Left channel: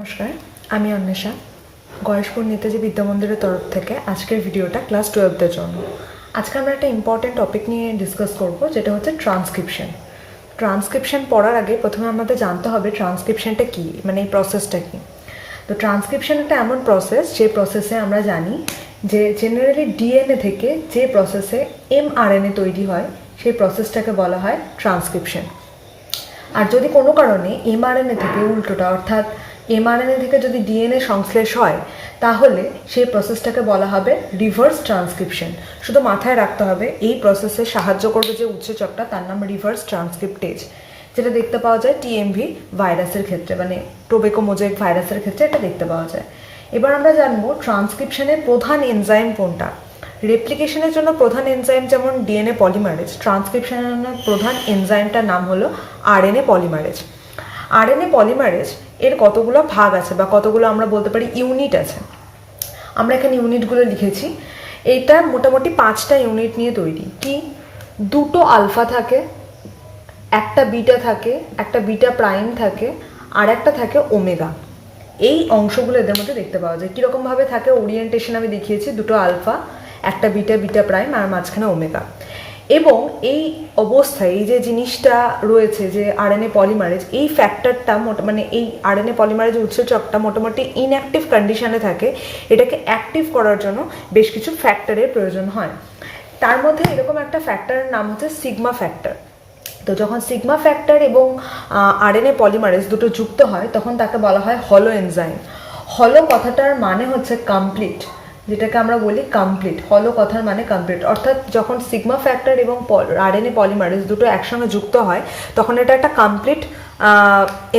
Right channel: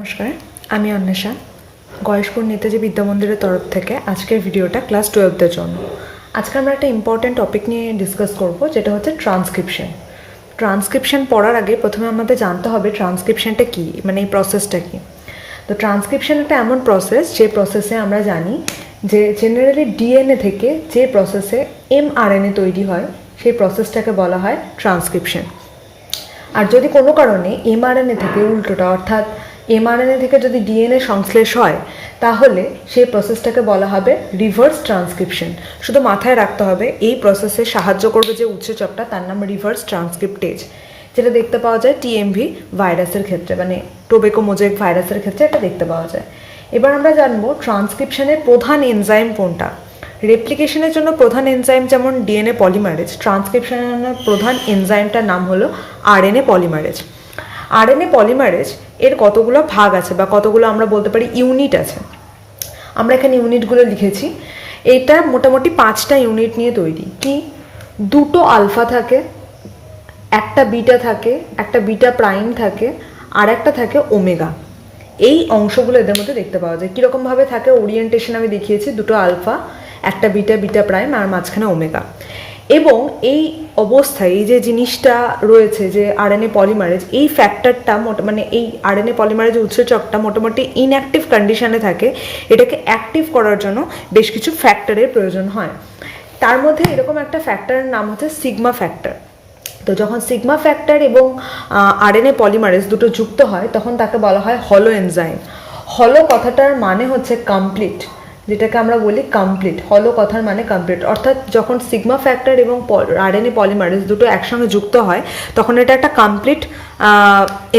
নমস্কার, আমি অন্বেষা। গয়েশপুর নেতাজি বিদ্যা মন্দিরের তরফ থেকে আজকের ভিডিওটা ক্লাস 12দের জন্য। আজকে আমরা একটা ইম্পর্ট্যান্ট টপিক নিয়ে ডিসকাস করব, যেটা হচ্ছে ট্রান্সক্রিপশন। ট্রান্সক্রিপশন পড়ার আগে প্রথমে আমাদের জানতে হবে ট্রান্সক্রিপশনটা কী, মানে এই প্রসেসটা কী। তো ট্রান্সক্রিপশন একটা এমন প্রসেস, যে প্রসেসে আমরা জানি যে জেনারেলি ডিএনএ থেকে যে প্রসেসে এমআরএনএ তৈরি হয় সেই প্রসেসটাকে বলা হয় ট্রান্সক্রিপশন। আর যদি কোনো কারণে এমআরএনএ থেকে উল্টোটা, অর্থাৎ এমআরএনএ থেকে যদি ডিএনএ সংশ্লেষ হয়, তাহলে সেই প্রসেসটাকে বলা হবে রিভার্স ট্রান্সক্রিপশন। শুধু মাথায় রাখতে হবে এই প্রসেসে সাহায্য করবে যে উৎসেচকটা, তার নাম রিভার্স ট্রান্সক্রিপ্টেজ, যেটা দেখতে পাওয়া যায় টিএমভি ভাইরাসের ক্ষেত্রে, মানে টোবেকো মোজাইক ভাইরাসের ক্ষেত্রে এটা দেখতে পাওয়া যায়। এবার আমরা জানবো ট্রান্সক্রিপশনের প্রধান এনজাইম কোনটা। রেপ্লিকেশনের জন্য প্রধান এনজাইম যেমন ডিএনএ পলিমারেজ, ট্রান্সক্রিপশনের প্রধান এনজাইমটার নাম হলো আরএনএ পলিমারেজ। আরএনএ পলিমারেজ এর কতগুলো ভাগ আছে বা কতগুলো আমরা বলতে পারি ইউনিট আছে। আমরা এখানে ইউনিটগুলো লিখেছি। এটা মোটামুটি 5টা ইউনিট নিয়ে তৈরি। কি? 2টো আলফা থাকে, একটা বিটা থাকে, একটা বিটা প্রাইম থাকে, আর একটা থাকে ওমেগা। এই অংশগুলো এদের মধ্যে দেখতে পাওয়া যায়। কীরকমভাবে থাকে ওরিয়েন্টেশন আমি দেখিয়েছি, 2টো আলফা, একটা বিটা, বিটা প্রাইম, আর মাঝখানে ওমেগা। এবং এই অবস্থায় এই যে জিনিসটা রয়েছে যে আরএনএ পলিমারেজ, এই ফ্যাক্টরটা মানে এই আরএনএ পলিমারেজ উৎসেচকটা মোটামুটি ইনঅ্যাক্টিভ কন্ডিশনে থাকে। এটাকে অ্যাক্টিভ করার জন্য বেশ কিছু ফ্যাক্টরের প্রয়োজন হয়। তার মধ্যে এরকম একটা ফ্যাক্টরের নাম হচ্ছে সিগমা ফ্যাক্টর। তো যখন সিগমা ফ্যাক্টর এবং আরএনএ পলিমারেজ দুটো যুক্ত হয়, তখন তাকে বলা হয় হলো এনজাইম। হলো কথাটার মানে হচ্ছে কমপ্লিট, যেটাকে আমরা বলি কমপ্লিট। হলো কথার মানে কমপ্লিট, অর্থাৎ যখন সিগমা ফ্যাক্টর এবং আরএনএ পলিমারেজ দুটো একসঙ্গে যুক্ত হয়, তখন এটা একটা কমপ্লিট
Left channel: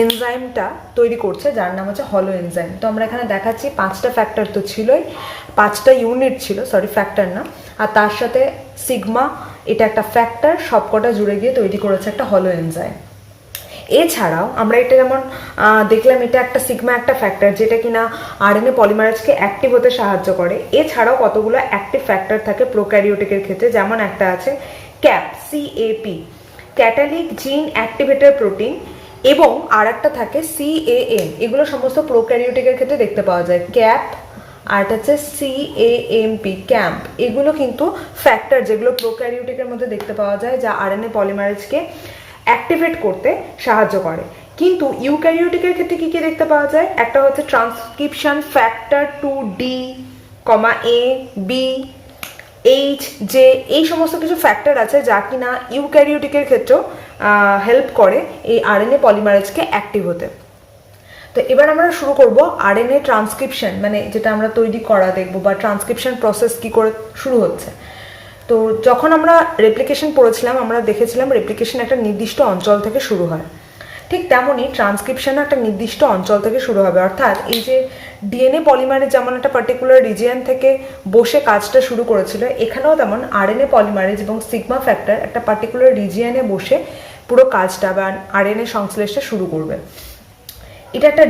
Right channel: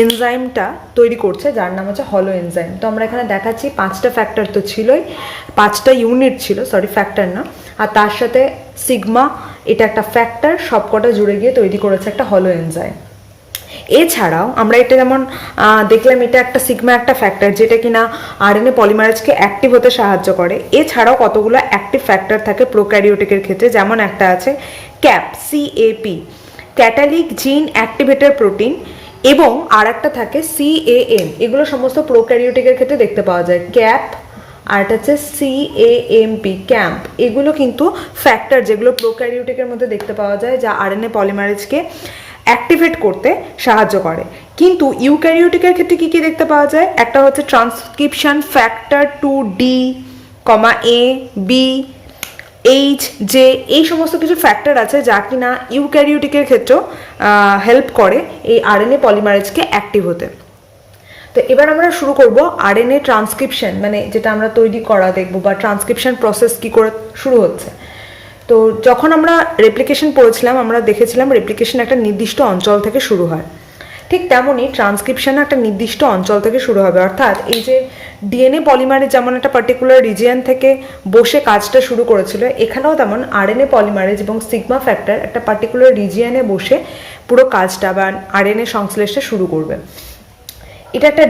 এনজাইমটা তৈরি করছে, যার নাম হচ্ছে হলো এনজাইম। তো আমরা এখানে দেখাচ্ছি 5টা ফ্যাক্টর তো ছিলই, 5টা ইউনিট ছিল, ফ্যাক্টর না, আর তার সাথে সিগমা, এটা একটা ফ্যাক্টর, সবকটা জুড়ে গিয়ে তৈরি করেছে একটা হলো এনজাইম। এছাড়াও আমরা এটা যেমন দেখলাম, এটা একটা সিগমা একটা ফ্যাক্টর, যেটা কিনা আরএনএ পলিমারেজকে অ্যাক্টিভ হতে সাহায্য করে। এছাড়াও কতগুলো অ্যাক্টিভ ফ্যাক্টর থাকে প্রোক্যারিওটিকের ক্ষেত্রে, যেমন একটা আছে ক্যাপ, সিএপি, ক্যাটালিক জিন অ্যাক্টিভেটর প্রোটিন, এবং আর একটা থাকে সিএএম। এগুলো সমস্ত প্রোক্যারিওটিকের ক্ষেত্রে দেখতে পাওয়া যায়। ক্যাপ আর এটা হচ্ছে সিএএমপি, ক্যাম্প। এগুলো কিন্তু ফ্যাক্টর যেগুলো প্রোক্যারিওটিকের মধ্যে দেখতে পাওয়া যায়, যা আরএনএ পলিমারেজকে অ্যাক্টিভেট করতে সাহায্য করে। কিন্তু ইউক্যারিওটিকের ক্ষেত্রে কি কি দেখতে পাওয়া যায়? একটা হচ্ছে ট্রান্সক্রিপশন ফ্যাক্টর 2D, এ, বি, এইচ, জে, এই সমস্ত কিছু ফ্যাক্টর আছে যা কিনা ইউক্যারিওটিকের ক্ষেত্রেও হেল্প করে এই আরএনএ পলিমারেজকে অ্যাক্টিভ হতে। তো এবার আমরা শুরু করব আরএনএ ট্রান্সক্রিপশন, মানে যেটা আমরা তৈরি করা দেখব, বা ট্রান্সক্রিপশন প্রসেস কি করে শুরু হচ্ছে। তো যখন আমরা রেপ্লিকেশন পড়েছিলাম, আমরা দেখেছিলাম রেপ্লিকেশন একটা নির্দিষ্ট অঞ্চল থেকে শুরু হয়। ঠিক তেমনই ট্রান্সক্রিপশন একটা নির্দিষ্ট অঞ্চল থেকে শুরু হবে। অর্থাৎ এই যে ডিএনএ পলিমারেজ যেমন একটা পার্টিকুলার রিজিয়ন থেকে বসে কাজটা শুরু করেছিল, এখানেও তেমন আরএনএ পলিমারেজ এবং সিগমা ফ্যাক্টর একটা পার্টিকুলার রিজিয়নে বসে পুরো কাজটা বা আরএনএ সংশ্লেষটা শুরু করবে। এটা একটা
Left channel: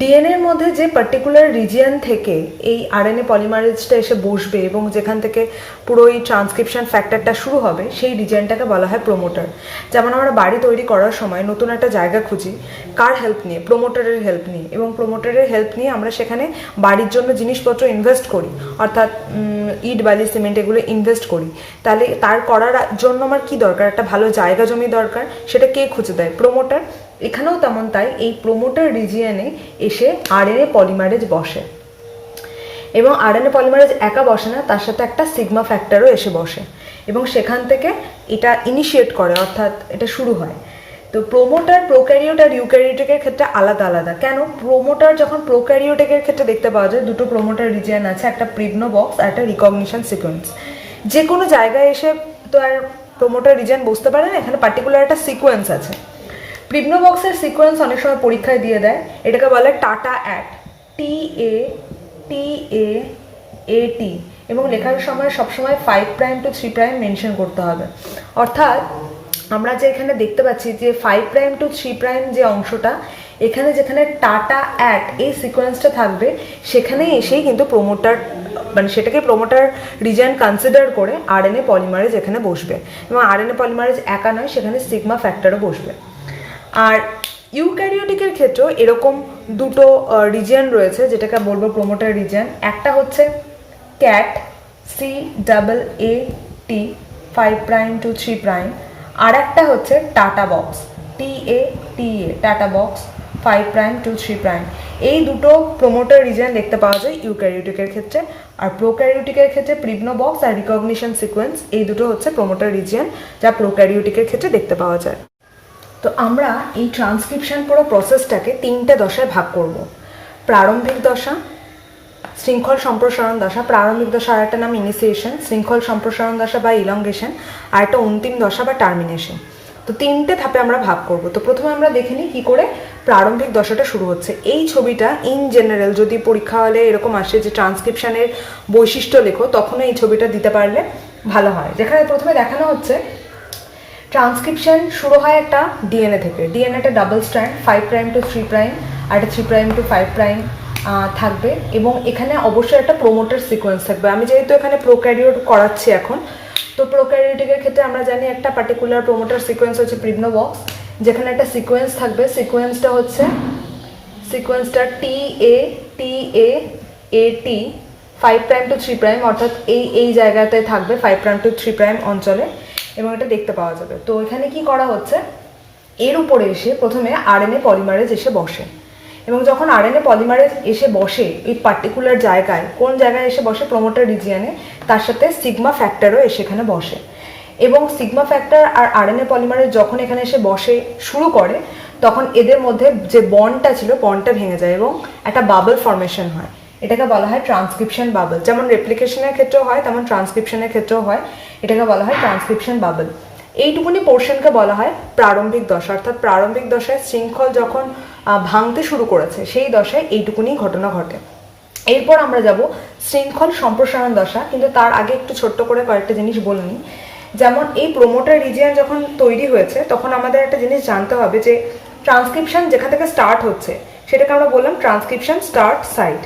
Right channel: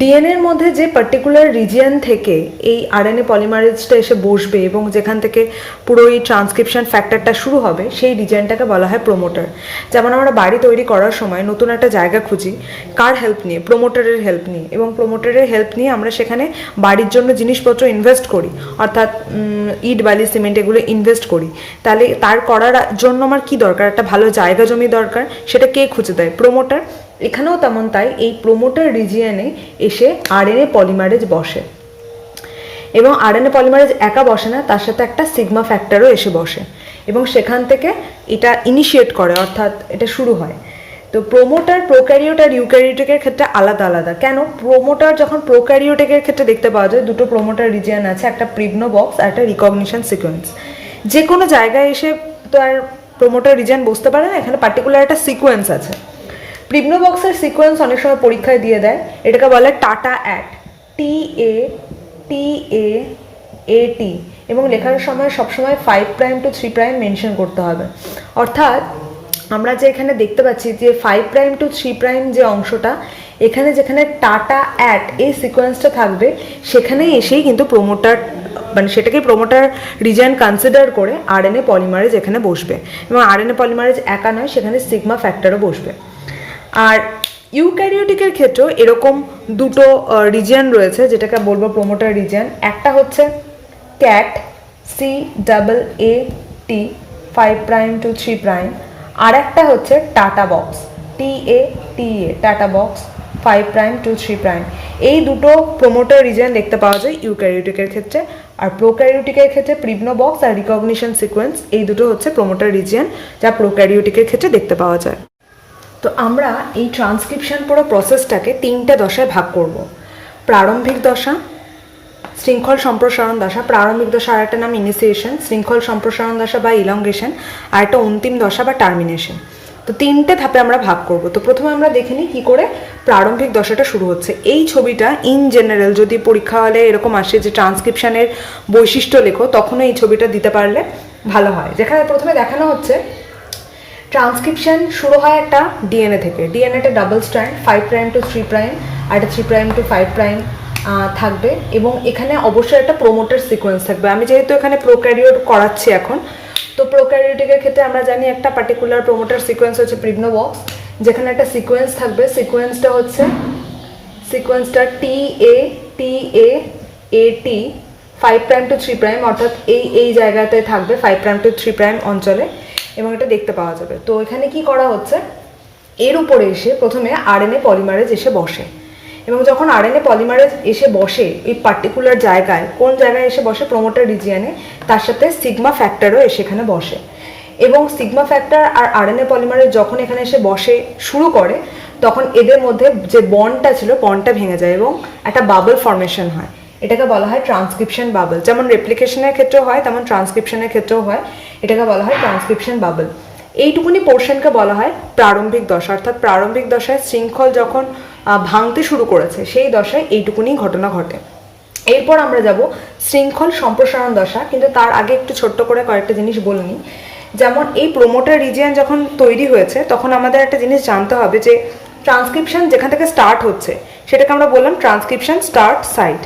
ডিএনএর মধ্যে যে পার্টিকুলার রিজিয়ন থেকে এই আরএনএ পলিমারেজটা এসে বসবে এবং যেখান থেকে পুরো এই ট্রান্সক্রিপশন ফ্যাক্টরটা শুরু হবে, সেই রিজিয়নটাকে বলা হয় প্রোমোটার। যেমন আমরা বাড়ি তৈরি করার সময় নতুন একটা জায়গা খুঁজি, কার হেল্প নিয়ে? প্রোমোটারের হেল্প নিয়ে। এবং প্রোমোটারের হেল্প নিয়ে আমরা সেখানে বাড়ির জন্য জিনিসপত্র ইনভেস্ট করি, অর্থাৎ ইট, বালি, সিমেন্ট এগুলো ইনভেস্ট করি। তাহলে তার করার জন্য আমার কি দরকার? একটা ভালো জায়গা জমি দরকার। সেটা কে খুঁজে দেয়? প্রোমোটার। এখানেও তেমন তাই, এই প্রোমোটার রিজিয়নে এসে আরএনএ পলিমারেজ বসে। এবং আরএনএ পলিমারেজ একা বসে না, তার সাথে একটা সিগমা ফ্যাক্টরও এসে বসে এবং সেখান থেকে এটা ইনিশিয়েট করে, অর্থাৎ এটা শুরু হয়। তো প্রোমোটার প্রোক্যারিওট আর ইউক্যারিওটিকের ক্ষেত্রে আলাদা আলাদা। কেন? প্রোমোটার যখন প্রোক্যারিওটিকের ক্ষেত্রে দেখতে পাওয়া যায়, দুটো প্রোমোটার রিজিয়ন আছে, একটা প্রিগনো বক্স আর একটা রিকগনিশন সিকোয়েন্স। যে কোনো জায়গায় এসে তো আর প্রোমোটার রিজিয়ন বসতে পারে না, এখানে পার্টিকুলার একটা সিকোয়েন্স আছে। প্রিগনো বক্সের সিকোয়েন্স অনেক সময় পরীক্ষায় দিয়ে দেয়, এটাকে বলে টাটা অ্যাট, TATA, এবং লেখার সময় সবসময় 5' to 3' মেনশন করতে হবে। অর্থাৎ আমরা যে এখানে দেখতে পাচ্ছি যে 5' to 3' যে অংশটা, এখানে যেখানে টাটা অ্যাট এই সিকোয়েন্সটা থাকবে, সেখানে এসেই কিন্তু প্রোমোটার, মানে সেটাকে প্রোমোটার রিজিয়ন কনসিডার করে আরএনএ পলিমারেজ এখানে বসবে। এবং আরএনএ পলিমারেজ একা নয়, সেখানে সিগমা ফ্যাক্টরও বসবে। আর ইউক্যারিওটিকের ক্ষেত্রেও এরকম দুটো রিজিয়ন রয়েছে, যেটাকে বলবো প্রোমোটার রিজিয়ন। একটা হচ্ছে ক্যাট, CAAT 5' to 3', আর একটা হচ্ছে tata box, TATA tata box 5' to 3'। এই দুটো প্রোমোটার রিজিয়ন দেখতে পাওয়া যায় ইউক্যারিওটিকের ক্ষেত্রে। আর প্রোক্যারিওটিকের ক্ষেত্রে প্রিগ্নো বক্স আর রিকগনিশন সিকোয়েন্স, এই দুটো হচ্ছে প্রোমোটার রিজিয়ন যা প্রোক্যারিওটিকের ক্ষেত্রে দেখতে পাওয়া যায়। তো আমরা এই ট্রান্সক্রিপশন পুরো প্রসেসটাকে তিনটে দশায় ভাগ করব। প্রারম্ভিক দশা, শৃঙ্খল সম্প্রসারণ দশা। প্রারম্ভিক দশা আর একটা নাম ইনিসিয়েশন, শৃঙ্খল সম্প্রসারণ দশা বা ইলংগেশন, আর একটা অন্তিম দশা বা টার্মিনেশন। তো তিনটে ধাপে আমরা ভাগ করব। তো প্রথমে আমরা দেখে নিই কী করে প্রারম্ভিক দশাটা শুরু হচ্ছে। এই ছবিটা ইন জেনারেল যদি পরীক্ষা হলে এরকম আসে যে ট্রান্সক্রিপশনের বৈশিষ্ট্য লেখো, তখনও এই ছবিটা দিতে পারলে ভালো হয়। যেখানে প্রথমে দেখানো হচ্ছে ট্রান্সক্রিপশন শুরু হয় একটা ডিএনএ থেকে। ডিএনএটা ডাবল স্ট্র্যান্ড, 5' to 3', আর একটা 3' to 5' থাকবে, এবং এখানে অবশ্যই একটা প্রোমোটার সিকোয়েন্স থাকবে। আমি যেহেতু এখানে প্রোক্যারিওট করাচ্ছি এখন, তো প্রোক্যারিওটিকের ক্ষেত্রে আমরা জানি একটা পার্টিকুলার প্রোমোটার সিকোয়েন্স হচ্ছে প্রিগ্নো বক্স, যেখানে একটা সিকোয়েন্স থাকবে। সিকোয়েন্সটা TAAT 5' to 3', অর্থাৎ এই জায়গাতে থাকবে 5' to 3' অঞ্চলে, এবং এটা দেখতে পাওয়া যাবে। তো এখানে কি করা হচ্ছে, এর উপরে এসে প্রথমে আরএনএ পলিমারেজ এসে বসে, এবং যখন আরএনএ পলিমারেজ এসে বসে এই পার্টিকুলার জায়গায়, কোন জায়গায় এসে বসে, প্রোমোটার রিজিয়নে, তার সাথে সিগমা ফ্যাক্টরও এসে এখানে বসে। এবং সিগমা ফ্যাক্টর আর আরএনএ পলিমারেজ যখন এখানে এসে বসে শুরু করে, তখন এদের মধ্যে যে বন্ডটা ছিল, বন্ডটা ভেঙে যায় এবং একটা বাবল ফর্মেশন হয়। এটাকে বলা হয় ট্রান্সক্রিপশন বাবল। যেমন রেপ্লিকেশনের ক্ষেত্রেও হয়, তেমন ট্রান্সক্রিপশনের ক্ষেত্রেও হয়। এটাকে বলা হয় ট্রান্সক্রিপশন বাবল। এইটুকুনি পোর্শনকে বলা হয় প্রারম্ভিক দশা, অর্থাৎ প্রারম্ভিক দশায় শৃঙ্খল যখন ভাঙতে শুরু করেছে সেই দশায় এইটুকুনি ঘটনা ঘটে। এরপর আমরা যাব শৃঙ্খল সম্প্রসারণ দশা, কিন্তু তার আগে একটু ছোট্ট করে কয়েকটা জিনিস বলে নিই। যেমন এই প্রোমোটার রিজিয়ন যখন তৈরি হয়েছে, তখন আমাদের একটা জিনিস জানতে হবে যে ট্রান্সক্রিপশন যেখান থেকে স্টার্ট হচ্ছে সেটাকে আমরা বললাম ট্রান্সক্রিপশন স্টার্ট সাইট।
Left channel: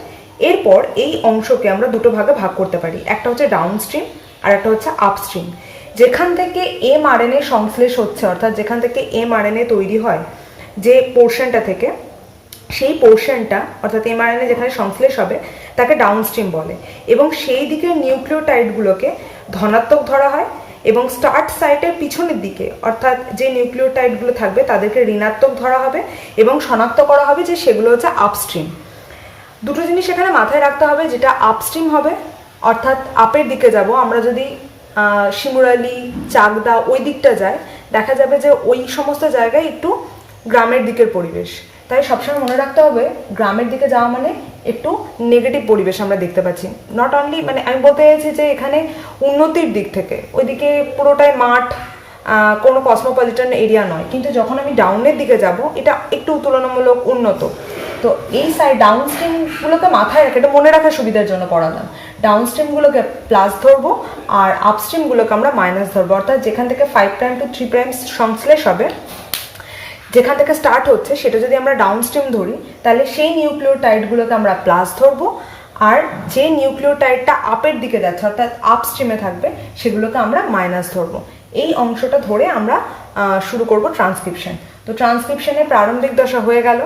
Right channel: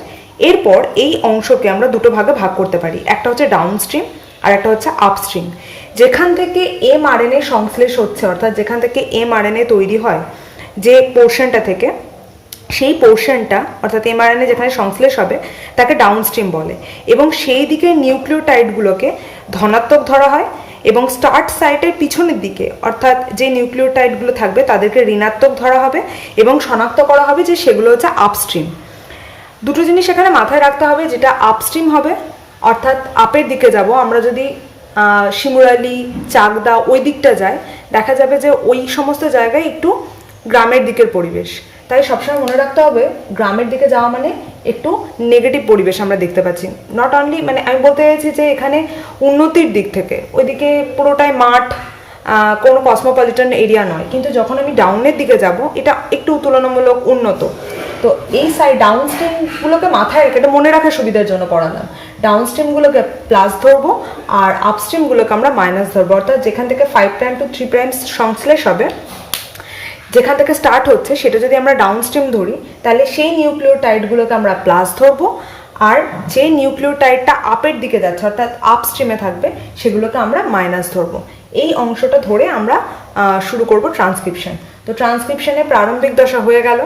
এরপর এই অংশকে আমরা দুটো ভাগে ভাগ করতে পারি, একটা হচ্ছে ডাউনস্ট্রিম আর একটা হচ্ছে আপস্ট্রিম। যেখান থেকে mRNA সংশ্লেষ হচ্ছে, অর্থাৎ যেখান থেকে mRNA তৈরি হয় যে পোর্শনটা থেকে, সেই পোর্শনটা অর্থাৎ mRNA যেখানে সংশ্লেষ হবে তাকে ডাউনস্ট্রিম বলে, এবং সেই দিকে নিউক্লিওটাইডগুলোকে ধনাত্মক ধরা হয়, এবং স্টার্ট সাইটের পিছনের দিকে অর্থাৎ যে নিউক্লিওটাইডগুলো থাকবে তাদেরকে ঋণাত্মক ধরা হবে, এবং শনাক্ত করা হবে যে সেগুলো হচ্ছে আপস্ট্রিম। দুটো জিনিস এখানে মাথায় রাখতে হবে, যেটা আপস্ট্রিম হবে অর্থাৎ আপের দিকে যাব। আমরা যদি শিমুরালি, চাকদা ওই দিকটা যায়, দেখা যাবে যে ওই সমস্ত জায়গায় একটু গ্রামের দিকের পরিবেশ। তাই সবসময় মনে রাখতে হবে গ্রামের দিকে যাওয়া মানে একটু নেগেটিভ পরিবেশ আমরা দেখতে পাচ্ছি। নট অনলি, মানে আমি বলতে চাইছি যে এখানে উন্নতির দিক থেকে ওইদিকে পুরোটাই মাঠ, কোনো কসমোপলিটন এরিয়া নয়, কিন্তু যখন আমি ডাউনের দিকে যাব এটা একটু তুলনামূলক উন্নত। তো এই সাইড ডাউনস্ট্রিমগুলোকে মাথায় রেখে, এটা মনে রাখার সুবিধার জন্য পড়ালাম, ডাউনস্ট্রিমগুলোকে প্লাস ধরবো আর আপস্ট্রিমগুলোকে আমরা মাইনাস ধরবো। অর্থাৎ যেখান থেকে 5' to 3' সংশ্লেষ হবে, যেখান থেকে স্টার্ট হচ্ছে সেটা যদি আমরা ডাউনস্ট্রিম ধরি, তাহলে সেই নিউক্লিওটাইডগুলোকে আমরা প্লাস ধরবো, আর যে নিউক্লিওটাইডটা আপের দিকে যাচ্ছে অর্থাৎ আপস্ট্রিমে থাকবে সেগুলোকে আমরা মাইনাস ধরবো। এই অংশটা ধরে আমরা শুরু করব ট্রান্সক্রিপশন। তো ট্রান্সক্রিপশনের প্রারম্ভিক দশা হয়ে গেল।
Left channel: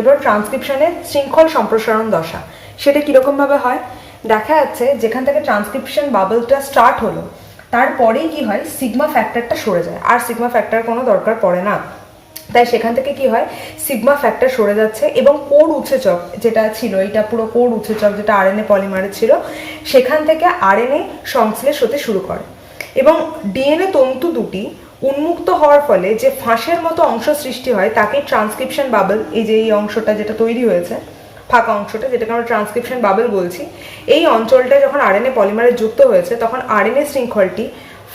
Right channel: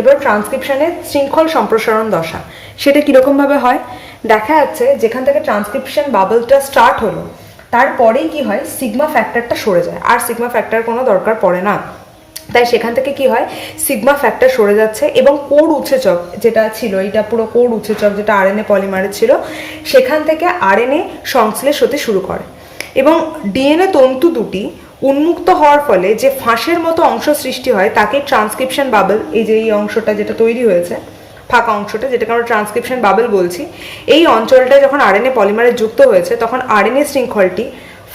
এবার ট্রান্সক্রিপশনের শৃঙ্খল সম্প্রসারণ দশা, সেটা কীরকমভাবে হয় দেখা যাচ্ছে। যেখান থেকে ট্রান্সক্রিপশন বাবলটা স্টার্ট হলো, তারপরেই কি হয়, সিগমা ফ্যাক্টরটা সরে যায়, আর সিগমা ফ্যাক্টর কোনো দরকার পড়ে না। তাই সেখান থেকে কি হয়, সিগমা ফ্যাক্টর সরে যাচ্ছে, এবং কোর উৎসেচক যেটা ছিল, এটা পুরো কোর উৎসেচক যেটা আরএনএ পলিমারে ছিল, সেখান থেকে আরএনএ সংশ্লেষ হতে শুরু করে, এবং ডিএনএ তন্তু দুটি উন্মুক্ত হওয়ার ফলে যে ফাঁসের মতো অংশ সৃষ্টি হয় তাকে ট্রান্সক্রিপশন বাবল, এই যে এই অংশটা যেটা তৈরি হয়েছে ফাঁকা অংশটা, যেটাকে আমরা ট্রান্সক্রিপশন বাবল বলছি, এই অঞ্চলটা যখন আরএনএ পলিমারে যুক্ত হয়েছে তখন আরএনএ শৃঙ্খলটি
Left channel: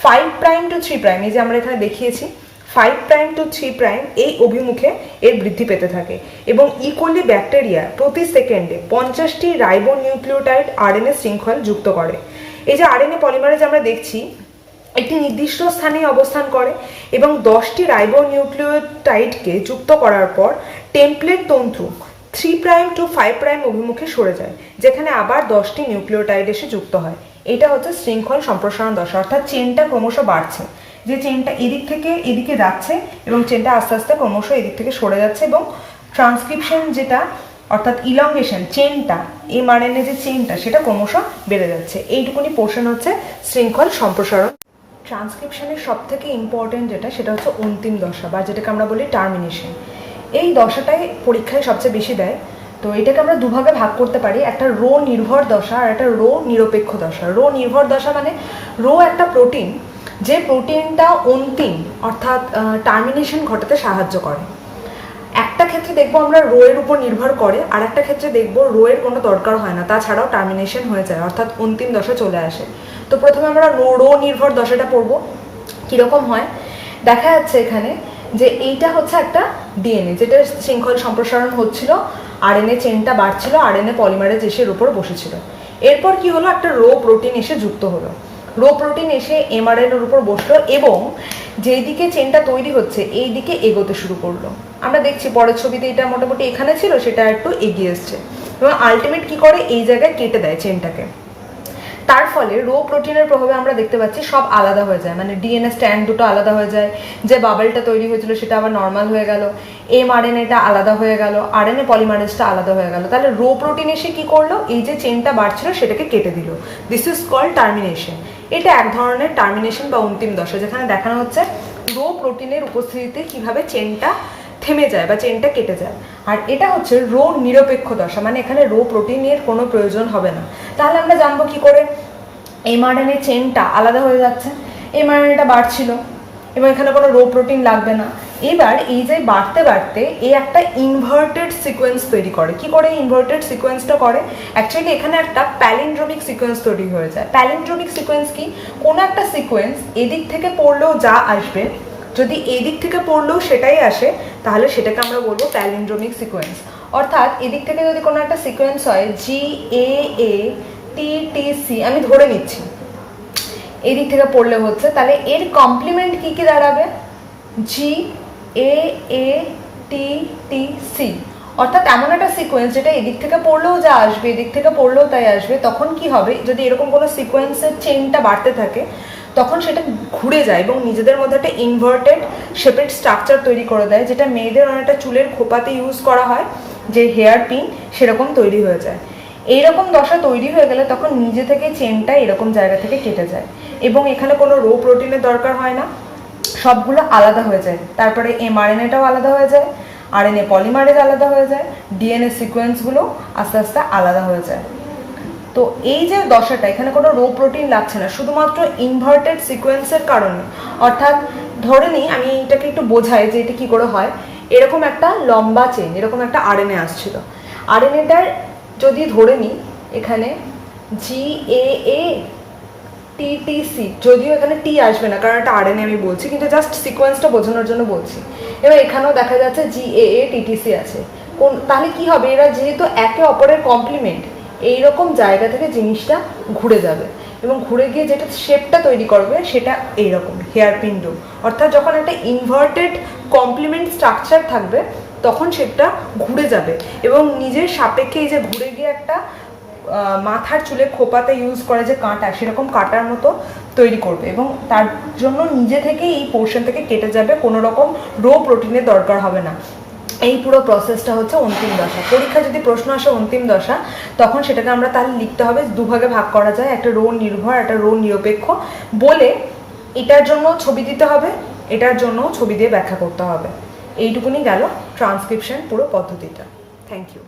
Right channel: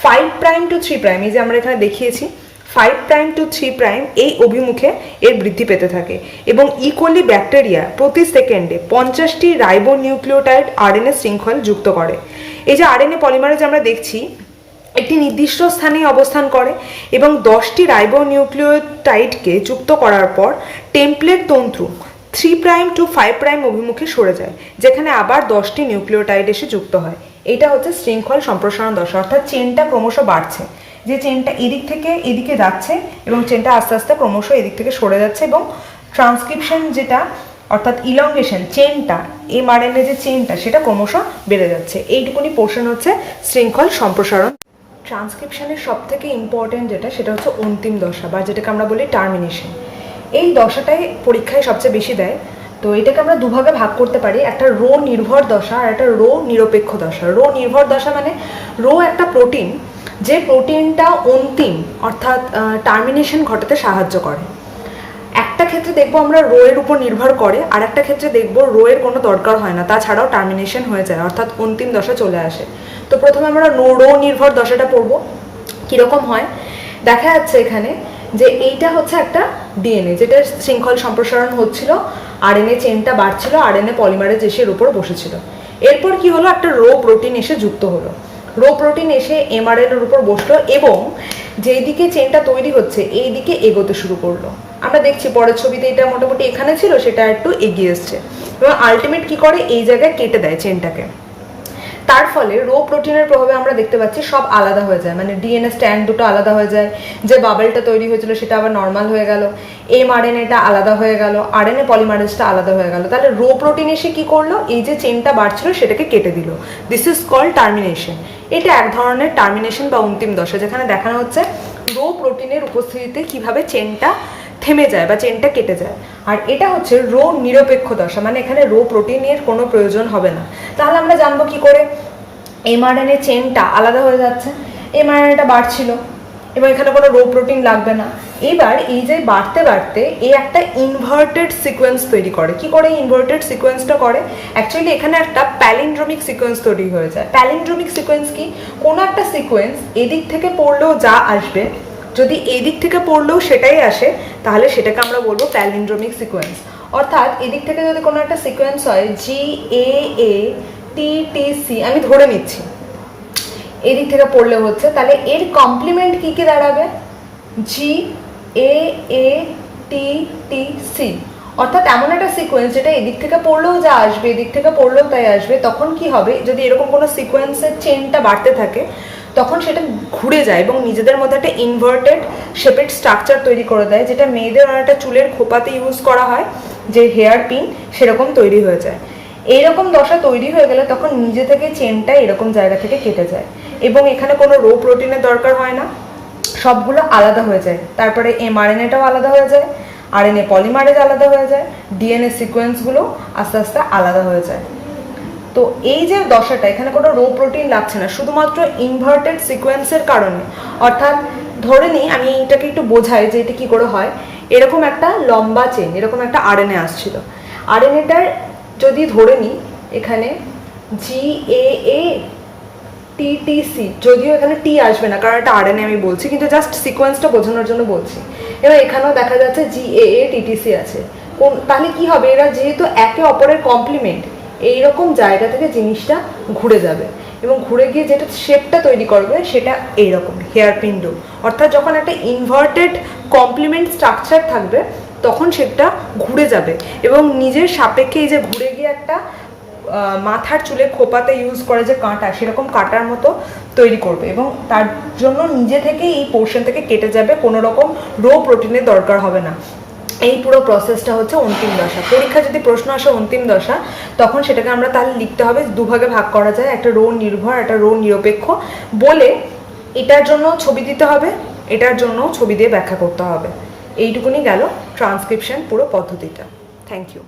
5' to 3', এই যে আমরা এখানে দেখিয়েছি 5' to 3' এই অভিমুখে এর বৃদ্ধি পেতে থাকে, এবং ইকোলি ব্যাকটেরিয়া প্রতি সেকেন্ডে 50টি রাইবো নিউক্লিওটাইড আরএনএ শৃঙ্খল যুক্ত করে। এই যে আরএনএ পলিমারেজ আমরা দেখছি একটি নির্দিষ্ট স্থানে অবস্থান করে, এবং 10টি রাইবো নিউক্লিওটাইডকে যুক্ত করার পর টেমপ্লেট তন্তু 3' to 5' অভিমুখে সরে যায়, যেখানে আবার 10টি নিউক্লিওটাইড এসে যুক্ত হয়। এটা হচ্ছে শৃঙ্খল সম্প্রসারণ দশা, অর্থাৎ চেনটা ক্রমশ বাড়ছে। যে চেনটা এদিক থেকে এদিকে যাচ্ছে এবং চেনটা আস্তে আস্তে ক্রমশ এদিক থেকে সরে যাচ্ছে এবং ট্রান্সক্রিপশন যেটা অর্থাৎ ইলংগেশন চেনটা এমআরএনএ যে চেনটা সেটা ক্রমশ বেড়ে যাচ্ছে। এইটুকুনি পোর্শন হচ্ছে শৃঙ্খল সম্প্রসারণ। ট্রান্সক্রিপশনের সব থেকে ইম্পর্টেন্ট যেটা সেটা হচ্ছে অন্তিম দশা বা যেটাকে আমরা বলি টার্মিনেশন। এই দশাটাই পরীক্ষায় সবচেয়ে বেশি দেয়। তো এটাকে আমরা দুভাগে ভাগ করতে পারি, একটা রো নির্ভর দশা আর একটা রো নিরপেক্ষ দশা। রো নির্ভর দশা মানে রো একটা প্রোটিন, যে প্রোটিনটা অন্তিম অর্থাৎ টার্মিনেশন ঘটাতে সাহায্য করে। একটা ক্ষেত্রে দেখবো আমরা রো এর উপর নির্ভর করে, আর একটা ক্ষেত্রে দেখবো রো এর কোনো দরকার হয় না, তাছাড়াও টার্মিনেশন হয়ে যায় অর্থাৎ অন্তিম দশা চলে আসে। তো প্রথমে আমরা রো নির্ভর দশাটা পড়বো। কীরকম হয় দেখা যাচ্ছে এখানে যে এইটা হচ্ছে একটা ডিএনএ যেটা শৃঙ্খল সম্প্রসারণ হচ্ছিল, আরএনএ চেনটা বাড়ছিল, আরএনএ পলিমারেজ এসে এর উপর বসেছিল। এরপর কি হলো, একটা রো প্রোটিন এসে যুক্ত হলো, রো প্রোটিন এসে এমআরএনএ এর উপর বসলো এবং যেই দিকে চেনটা তৈরি হচ্ছে এই দিকে এগোতে শুরু করলো। আমরা দেখছি পরের ছবিতে এটা মোটামুটি এখানে ছিল, সেটা একটু এগিয়ে এসছে এবং আলটিমেট কি করে এই জায়গায় কেটে দেয় চেনটাকে। তার ফলে রো প্রোটিনের প্রভাবে আমরা দেখতে পাচ্ছি সব আলাদা হয়ে যায়, মানে ডিএনএ স্ট্যান্ড দুটো আলাদা হয়ে যায়, যে বাবেলটা তৈরি হয়েছিল সেটা আবার নর্মাল হয়ে গেল, এমআরএনএটা আলাদা হয়ে গেল, আরএনএ পলিমারেজটা আলাদা হয়ে গেল। তাহলে রো প্রোটিন এসে কি করলো, এই যে চেনটা বাড়ছিল সেটাকে কেটে দিল। This is called termination. এটা এক ধরনের টার্মিনেশন বা অন্তিম দশা, যেখানে দেখানো হচ্ছে রো প্রোটিনের উপস্থিতিতে কিভাবে চেনটা থেমে যায় বা চেনটা কেটে যায়। আর এটা হচ্ছে রো নিরপেক্ষ দশা, মানে এখানে রো প্রোটিনের কোনো প্রয়োজন হবে না। তাহলে আমরা জানবো কি করে, এমআরএনএ চেনটা আলাদা হয়ে যাচ্ছে, এমআরএনএটা বাড়ছিল এবং এখানে কোনো রো প্রোটিন লাগবে না। এবার এই যে বাড়তে বাড়তে এই একটা ইনভার্টেড সিকোয়েন্স তৈরি করে। কি করে ইনভার্টেড সিকোয়েন্সটা করে, অ্যাকচুয়ালি এখানে একটা প্যালিন্ড্রোমিক সিকোয়েন্স তৈরি হয়ে যায়। প্যালিন্ড্রোমিক সিকোয়েন্স কি, কোনো একটা সিকোয়েন্স এদিক থেকে পড়লেও যা আসবে, যদি এদিক থেকে পড়লেও সেটাই আসে, তাহলে সেটাকে আমরা বলবো প্যালিন্ড্রোমিক সিকোয়েন্স। অর্থাৎ এদিক থেকে যদি কোনো একটা সিকোয়েন্স হয় GAATTC, আমি ধরে নিচ্ছি এদিক থেকে পড়লে হচ্ছে, তাহলে এর কমপ্লিমেন্ট কি কি দাঁড়াবে, GAATTC। অর্থাৎ এমন একটা সিকোয়েন্স যেটা এদিক থেকে পড়লেও যা আসবে এদিক থেকে পড়লেও তাই আসবে। তখন কি হবে, যদি এরকম কোনো সিকোয়েন্সের চেনটা বাড়তে থাকে তখন সেটা ঘুরে যায় এবং নিজেদের মধ্যে একটা ইনভার্টেড শেপেড স্ট্রাকচার তৈরি করে দেয়, যেটা মেয়েদের অনেকটা চুলের খোপাতে ইউজ করা হয়, যে হেয়ার পিন, সেরকম তৈরি হয়ে যায়। এইরকম দশা তৈরি হয়ে গেলে তখন নিজে থেকে চেনটা এরকম জায়গা থেকে কেটে যায় এবং এখানে কোনো রো প্রোটিনের দরকার হয় না, সবগুলো আলাদা হয়ে যায়। তারপরে এমআরএনএটাও আলাদা হয়ে যায়, আরএনএ পলিমারেজ আলাদা হয়ে যায়, ডিএনএ সিকোয়েন্সগুলো আস্তে আস্তে আলাদা হয়ে যায়। তো এই যে দশাটা, এখানে কোনো রো প্রোটিন লাগছে না, শুধুমাত্র ইনভার্টেড সিকোয়েন্সের কারণে। অর্থাৎ ধরে নিই, আমি এটাকে একটু বোঝাই যে এটা কি করে হয়। এরকম একটা লম্বা চেন, এরকম একটা আরএনএ আসছিল, আরএনএটার যদি ধরে নিই এখানে GAATTC, যদিও এখানে টি আসবে না কারণ এটা আরএনএ আমি বলছি, কিন্তু জাস্ট সিকোয়েন্সটা বোঝানোর জন্য বলছি। এবার এখানেও দেখা যাচ্ছে GAATTC আছে। তাহলে কি হবে, এরা যেহেতু একে অপরের কমপ্লিমেন্ট, এইরকম জায়গা থেকে জিনিসটা ঘুরে যাবে এবং ঘুরে গিয়ে যেটা শেপটা তৈরি করবে সেটা এইরকম হেয়ার পিন। অর্থাৎ যখন একটা ইনভার্টেড কমপ্লিমেন্ট স্ট্রাকচার থাকবে তখন শেপটা ঘুরে যাবে এবং নিজের সাপেক্ষে এই যে ঘুরে গিয়ে একটা মাথার চুলে খোপাতে ইউজ করে যে কাঁটা, সেরকম কাঁটার মতো তৈরি করবে এবং তার জন্য নিজে থেকে এই পোর্শন থেকে কেটে যাবে, কোনো রকম রো প্রোটিনের দরকার হবে না। এই পুরো প্রসেসটা হচ্ছে অন্তিম দশা। পরীক্ষা যদি প্রশ্ন আসে অন্তিম দশা, তখন সেটাকে আমরা তাহলে লিখতে হবে, দুভাগে ভাগ করা যায়, একটা রো নির্ভর একটা রো নিরপেক্ষ বলে এটার জন্য ছবি দিতে হবে, এটার জন্য ছবি দিয়ে ব্যাখ্যা করতে হবে। এইটুকুনি গেল ট্রান্সক্রিপশন পুরো পদ্ধতিটা। Thank you.